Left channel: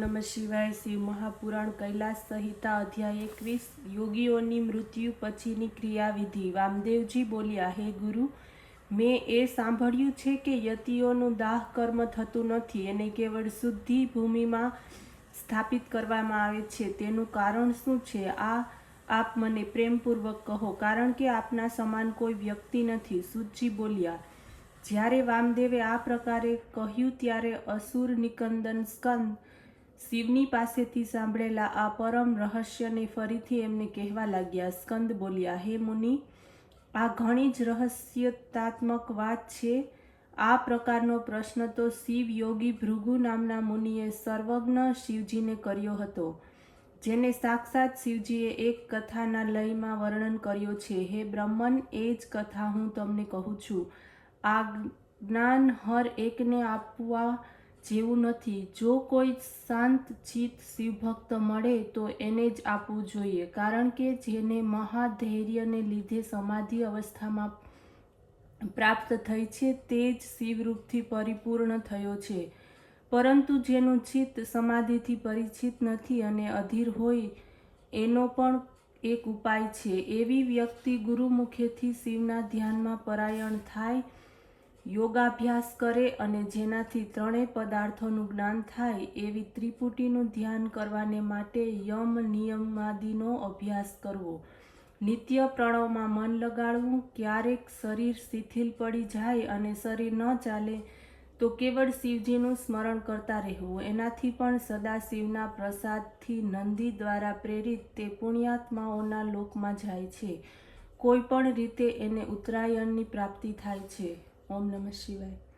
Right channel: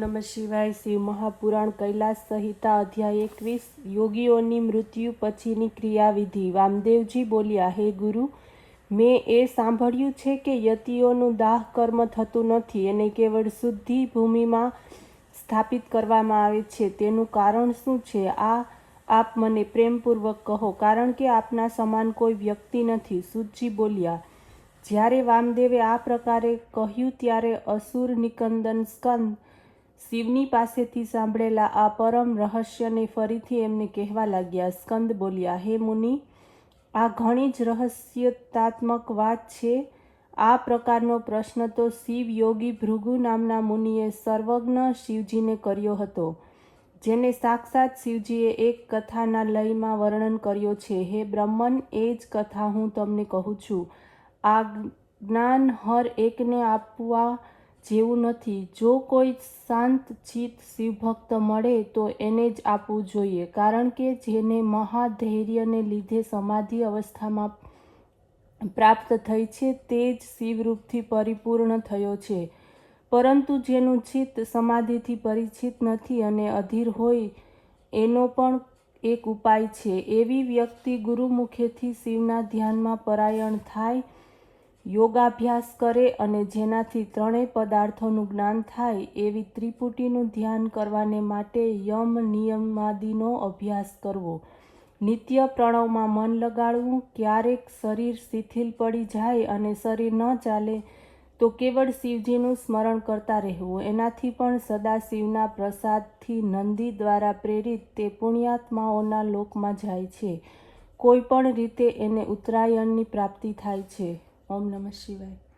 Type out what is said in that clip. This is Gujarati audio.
નમઃ શિવાય। શિવ મહાપુરાણ કૈલાસ સંહિતા અધ્યાય 21 યોગીઓની મૃત્યુ પછીની ક્રિયાવિધિ। વામદેવજી બોલ્યા, હે ગુરુ, મેં એ સાંભળ્યું છે કે યતિઓનું દાહ કર્મ થતું નથી, એને કેવળ શુદ્ધિ ભૂમિમાં સ્થાપિત કરવામાં આવે છે। તેનું કારણ શું છે? આપ મને પ્રેમપૂર્વક કહો, કારણ કે આપના સમાન કોઈ વ્યક્તિ નથી। સૂતજી બોલ્યા, જ્યારે વામદેવે આ પ્રકારે કહ્યું ત્યારે અસુર નિકંદન સ્કંદ શિવની પાસેથી સાંભળેલા આ પરમ રહસ્યને ફરીથી એમને કહેવા લાગ્યા। સ્કંદ બોલ્યા, હે મુનિ, આ ઘણી જ રહસ્યાત્મક વાત છે। આ પ્રકારનો પ્રશ્ન તો શિવ યોગી ભૃગુ નામના મુનિએ સર્વજ્ઞ શિવજીને કર્યો હતો, જેને સાક્ષાત શિવજીએ એક કથાના લયમાં વર્ણન કર્યો છે। હે બ્રહ્મન, એ જ કથા હું તમને કહું છું। આ જ્ઞાન હર એકને આપવા જેવું નથી। જો કોઈ શાંત ચિત્ત શિવભક્ત મળે તો એને જ આપવું જોઈએ, કારણ કે જેને મહાધૈર્યને લીધે સમાધિ અવસ્થામાં પ્રાપ્ત થઈ છે તે જ શિવરૂપથી પરિપૂર્ણ થયો છે। પરંતુ જેનું ચિત્ત સમાધિથી પરિચિત નથી અને અધીર હોય, એનો પણ એક ઉપાય છે। એવી વ્યક્તિ ગુરુમુખેથી શિવના ધ્યાનમાં પરાયણ થાય, યોગાભ્યાસ કરે અને જેનાથી ત્રણેય પદાર્થોનું જ્ઞાન થાય, એવી ત્રિપુટીનું ધ્યાન કરવાને માટે યમ નિયમાદિનો અભ્યાસ કરવો, નિત્ય પ્રણવમાં મન લગાડવું, ક્યારેક શરીર શિથિલ પડી જાય અને શરીર ન ચાલે તો કેવળ શિવજીનું સ્મરણ કરતા રહેવું। એનાથી પણ સદાશિવના પ્રસાદથી નંદી દ્વારા પ્રેરિત તે પુણ્યાત્માઓના લોકમાં જાય છે। કોઈ પણ રીતે એને ઉત્તરાયણની પ્રાપ્તિ થાય છે। ઓમ નમઃ શિવાય।